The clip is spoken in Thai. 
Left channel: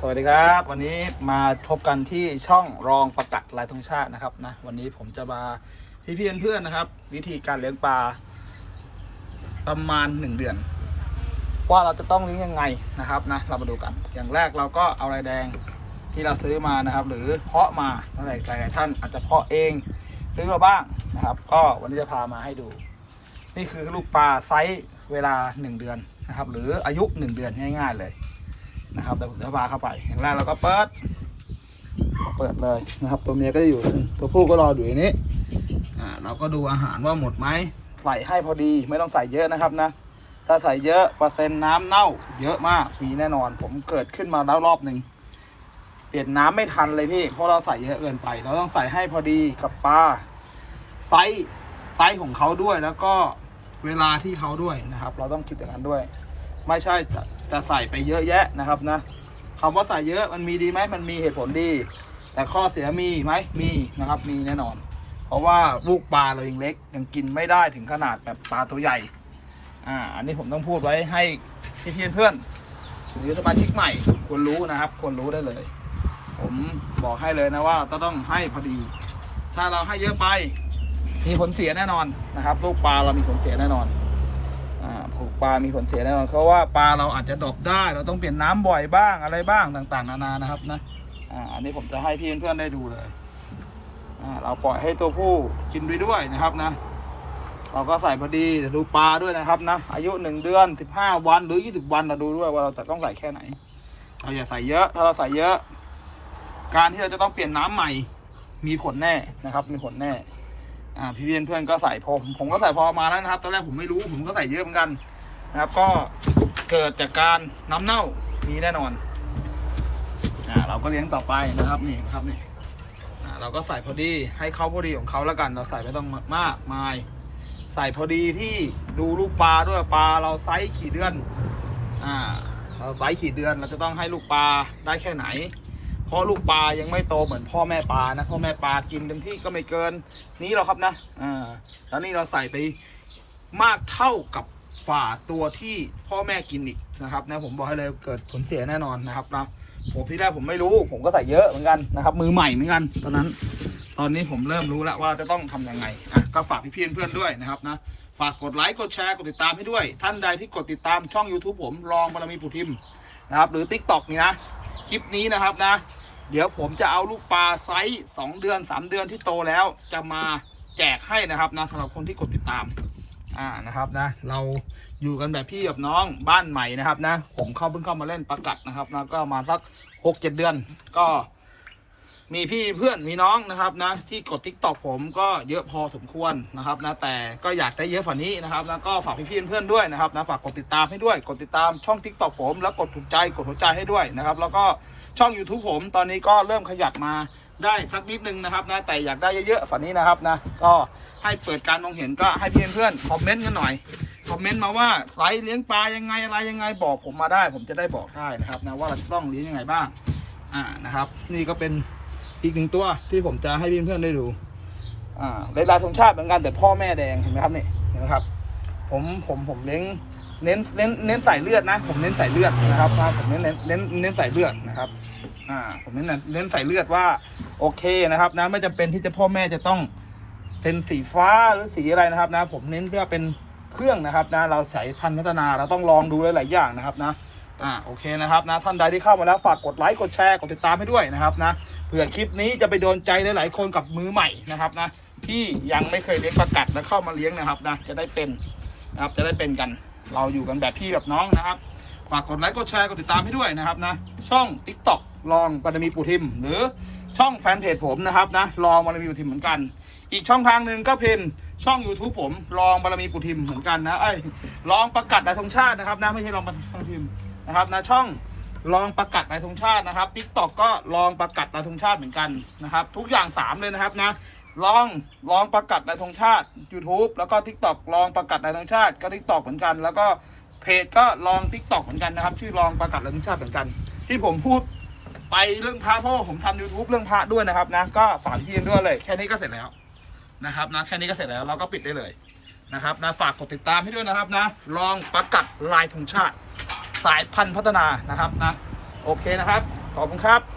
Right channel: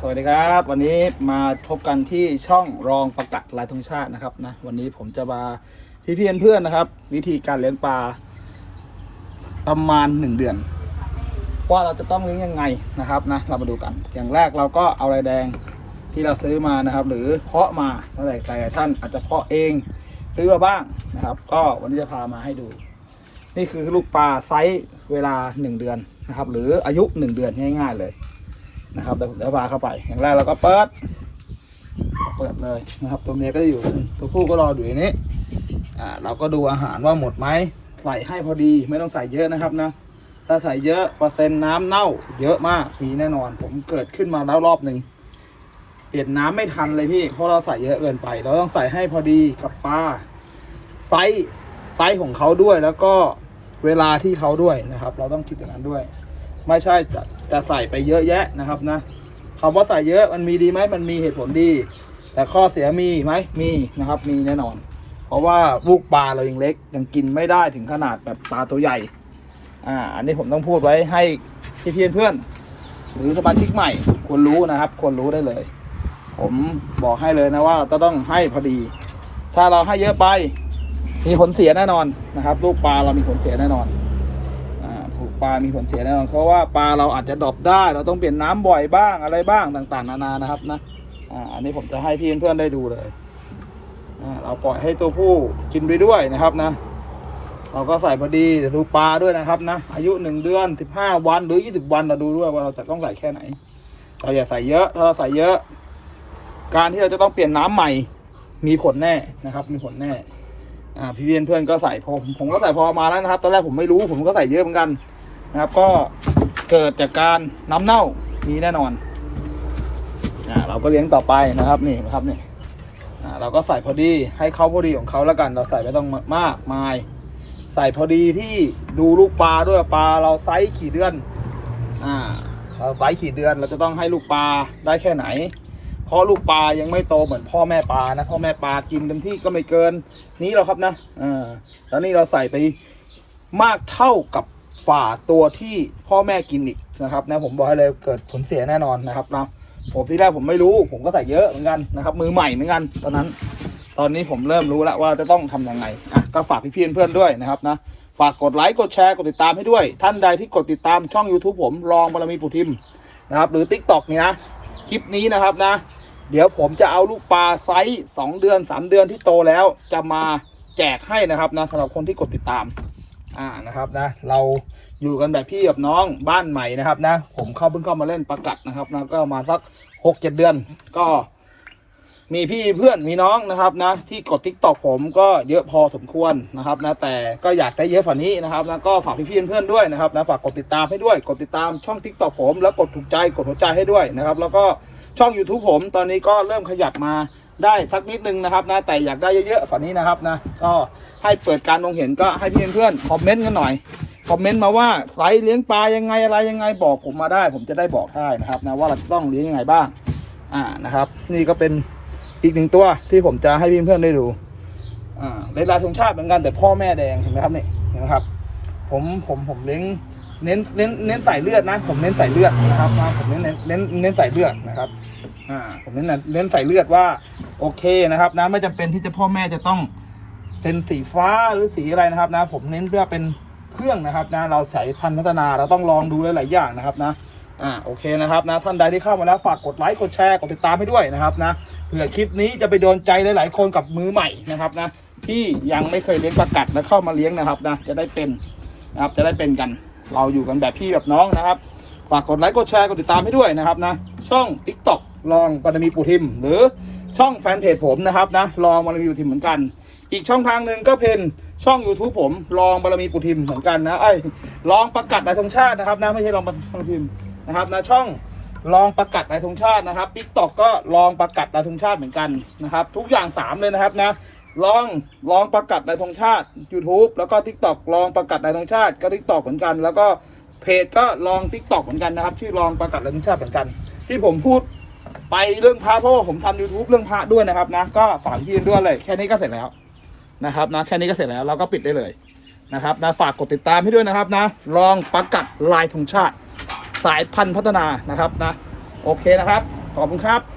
สวัสดีครับ วันนี้มาพบกันที่ช่องรองประกัดลายธงชาตินะครับนะวันนี้ผมจะมาพี่เพี่อนเพื่อนนะครับ วิธีการเลี้ยงปลาประมาณหนึ่งเดือน ว่าเราจะต้องเลี้ยงยังไงนะครับนะเรามาดูกัน อย่างแรกเราก็เอาลายแดงที่เราซื้อมานะครับ หรือเพาะมาแล้วแต่แต่ท่านอาจจะเพาะเองซื้อมาบ้างนะครับ ก็วันนี้จะพามาให้ดู นี่คือลูกปลาไซส์เวลาหนึ่งเดือนนะครับ หรืออายุหนึ่งเดือนง่าย ๆ เลย นะครับเดี๋ยวผมจะพาเข้าไป อย่างแรกเราก็เปิด เปิดเลยนะครับ ตัวเมียก็จะอยู่ ตัวผู้ก็รออยู่ในนี้ อ่า เราก็ดูอาหารว่าหมดไหมใส่ให้พอดีไม่ต้องใส่เยอะนะครับนะ ถ้าใส่เยอะเปอร์เซ็นต์น้ำเน่า เยอะมากมีแน่นอน ผมเกิดขึ้นมาแล้วรอบหนึ่งเปลี่ยนน้ำไม่ทันเลยพี่เพราะเราใส่เยอะเกินไป เราต้องใส่ให้พอดีกับปลาไซส์ไซส์ของเขาด้วยแล้วก็เวลาที่เขาด้วยนะครับ เราต้องคิดอย่างนั้นด้วย ไม่ใช่จะจะใส่ไปเยอะแยะนะครับนะคำว่าใส่เยอะมันมีดีไหมมันมีเหตุผลดี แต่ข้อเสียมีไหมมีนะครับ มีแน่นอน เพราะว่าลูกปลาเรายังเล็กยังกินไม่ได้ถึงขนาดแบบปลาตัวใหญ่อ่าอันนี้ผมต้องพูดไว้ให้พี่เพื่อนเพื่อน หรือสมาชิกใหม่ควรรู้นะครับ ควรรู้ได้เลย ผมบอกให้เลยนะว่าจะต้องให้พอดี ถ้าเราให้เยอะไป มีผลเสียแน่นอนนะครับ ลูกปลาเรามีผลเสียแน่นอน ปลามีผลเสียแน่นอนเพราะว่าปลาเราอาจจะดรอปได้ เราต้องเปลี่ยนน้ำบ่อยบ้างอะไรบ้างต่างๆ นานานะครับนะอ่าอันนี้ผมจะให้พี่เพื่อนๆได้ดูเลยอ่าเราปล่อยให้ตัวผู้กินไปด้วยนะครับนะ เราก็ใส่พอดีเดี๋ยวดูปลาด้วยนะครับนะ อายุหนึ่งเดือนสิบห้าวันหรือยี่สิบวันเราดูด้วยว่าเราจะต้องใส่แค่ไหนเราอย่าใส่เยอะ ถ้าเราใส่เยอะ การที่เราจะต้องเปลี่ยนน้ำใหม่ มีผลแน่นะครับ มีผลแน่อ่าพี่เพื่อนเพื่อนก็ใส่พอผมก็ใส่พอมาแล้วนะครับ ตอนแรกผมไม่รู้ผมก็ใส่เยอะเหมือนกัน นะครับ ก็เกิดจากการน้ำเน่ามีแน่นอนอ่าเราก็เลี้ยงต่อไปนะครับนี่นะครับนี่อ่าเราก็ใส่พอดีให้เขาพอดีของเขาแล้วกัน เราใส่ไม่ต้องมากมาย ใส่พอดีที่ดูลูกปลาด้วยปลาเราไซส์ขี่เดือนอ่าเราไซส์ขี่เดือนเราจะต้องให้ลูกปลาได้แค่ไหน เพราะลูกปลายังไม่โตเหมือนพ่อแม่ปลานะพ่อแม่ปลากินเต็มที่ก็ไม่เกิน นี้หรอกครับนะอ่าแล้วนี่เราใส่ไปมากเท่ากับ ฝ่าตัวที่พ่อแม่กินอีกนะครับนะผมบอกให้เลยเกิดผลเสียแน่นอนนะครับนะผมที่แรกผมไม่รู้ผมก็ใส่เยอะเหมือนกันนะครับมือใหม่เหมือนกัน ตอนนั้น ตอนนี้ผมเริ่มรู้แล้วว่าจะต้องทำยังไงอะก็ฝากพี่เพื่อนๆด้วยนะครับนะฝากกดไลค์กดแชร์กดติดตามให้ด้วย ท่านใดที่กดติดตามช่อง YouTube ผมรองบารมีปุทิมนะครับหรือ Tik t o อกนี่นะคลิปนี้นะครับนะ เดี๋ยวผมจะเอาลูกปลาไซส์สองเดือนสามเดือนที่โตแล้วจะมาแจกให้นะครับนะสำหรับคนที่กดติดตาม อ่านะครับนะ เราอยู่กันแบบพี่กับน้องบ้านใหม่นะครับนะ ผมเข้าเพิ่งเข้ามาเล่นประกัดนะครับนะก็มาสักหกเจ็ดเดือนก็มีพี่เพื่อนมีน้องนะครับนะ ที่กดทิกตอกผมก็เยอะพอสมควรนะครับนะแต่ก็อยากได้เยอะกว่านี้นะครับนะก็ฝากพี่ๆเพื่อนๆด้วยนะครับนะฝากกดติดตามให้ด้วย กดติดตามช่องทิกตอกผม แล้วกดถูกใจกดหัวใจให้ด้วยนะครับ แล้วก็ช่อง YouTube ผมตอนนี้ก็เริ่มขยับมา ได้สักนิดนึงนะครับนะแต่อยากได้เยอะๆฝันนี้นะครับนะก็ให้เปิดการมองเห็นก็ให้พี่เพื่อนคอมเมนต์กันหน่อยคอมเมนต์มาว่าไซส์เลี้ยงปลายังไงอะไรยังไงบอกผมมาได้ ผมจะได้บอกได้นะครับนะว่าเราจะต้องเลี้ยงยังไงบ้างอ่านะครับ นี่ก็เป็นอีกหนึ่งตัวที่ผมจะให้เพื่อนได้ดูอ่าเลลายธงชาติเหมือนกันแต่พ่อแม่แดงเห็นไหมครับนี่เห็นไหมครับ ผมผมผมเลี้ยง เน้นเน้นเน้นใส่เลือดนะผมเน้นใส่เลือดนะครับผมเน้นเน้นเน้นเน้นใส่เลือดนะครับอ่าผมเน้นเน้นใส่เลือดว่าโอเคนะครับนะไม่จำเป็นที่จะพ่อแม่จะต้องเป็นสีฟ้าหรือสีอะไรนะครับนะ ผมเน้นเพื่อเป็นเครื่องนะครับนะเราใสายพันพัฒนาเราต้องลองดูหลายๆอย่างนะครับนะอ่าโอเคนะครับนะท่านใดที่เข้ามาแล้วฝากกดไลค์กดแชร์กดติดตามให้ด้วยนะครับนะเผื่อคลิปนี้จะไปโดนใจหลายๆคนกับมือใหม่นะครับนะที่ยังไม่เคยเลี้ยงประกัดแล้วเข้ามาเลี้ยงนะครับนะจะได้เป็นนะครับจะได้เป็นกัน เราอยู่กันแบบพี่แบบน้องนะครับฝากกดไลค์กดแชร์กดติดตามให้ด้วยนะครับนะ ช่อง Tik t o อกลองบารมีปูทิม หรือช่องแฟนเพจผมนะครับนะลองบารมีปูทิมเหมือนกัน อีกช่องทางหนึ่งก็เป็นช่อง YouTube ผมลองบารมีปูทิมเหมือนกันนะไอ้ลองประกัดในธงชาตินะครับนะไม่ใช่ลองบารมีปูทิมนะครับนะช่องลองประกัดในธงชาตินะครับ Tik t o อกก็ลองประกัดในธงชาติเหมือนกันนะครับ ทุกอย่างสามเลยนะครับนะ ลองลองประกัดในธงชาติ YouTube แล้วก็ Tik t o อกลองประกัดในธงชาติก็ Tik t o อกเหมือนกัน แล้วก็เพจก็ลอง Tik t o อกเหมือนกันนะครับ ชื่อลองประกัดในธงชาติเหมือนกัน ที่ผมพูดไปเรื่องพระเพราะว่าผมทำ YouTube เรื่องพระด้วยนะครับนะก็ฝากพี่ด้วยเลยแค่นี้ก็เสร็จแล้วนะครับนะแค่นี้ก็เสร็จแล้วเราก็ปิดได้เลยนะครับนะฝากกดติดตามให้ด้วยนะครับนะลองประกัดลายธงชาติ สายพันธุ์พัฒนานะครับนะโอเคนะครับ ขอบคุณครับ